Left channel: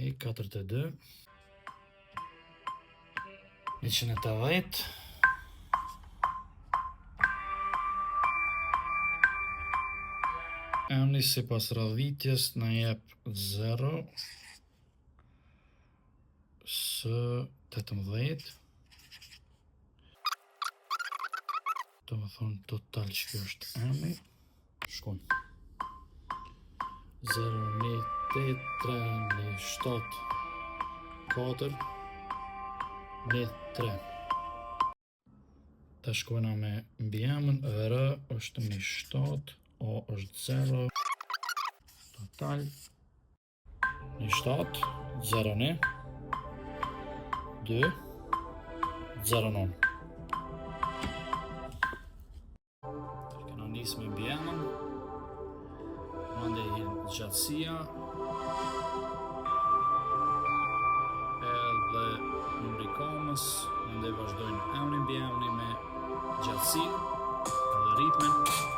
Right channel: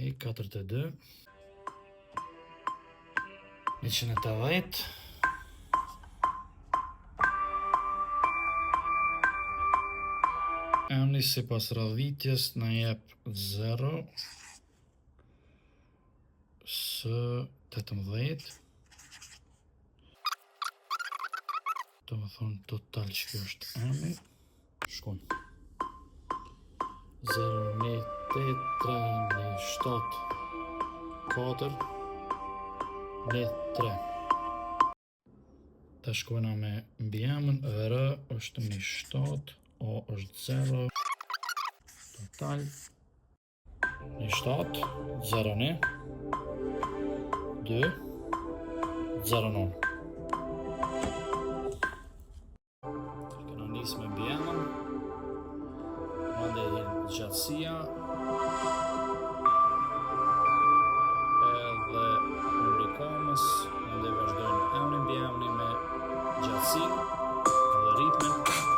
42 180 Emri si pas radhitjes na jep 0 së 18. Do më thonë total që kjo është emri. Shkojnë 0, 1, 8, 3, 1, 7, 4, 1, 3. Ta shkojna me mbi emën, R është 1, 7, O është 0, total 1, 7, 0, 1, 2, 0, 9. Kena nisë me mbi emën, mandej gjatësia, edhe numri komës, mandej vazhdojnë emri mbi emri me gjatësi dhe ritmin.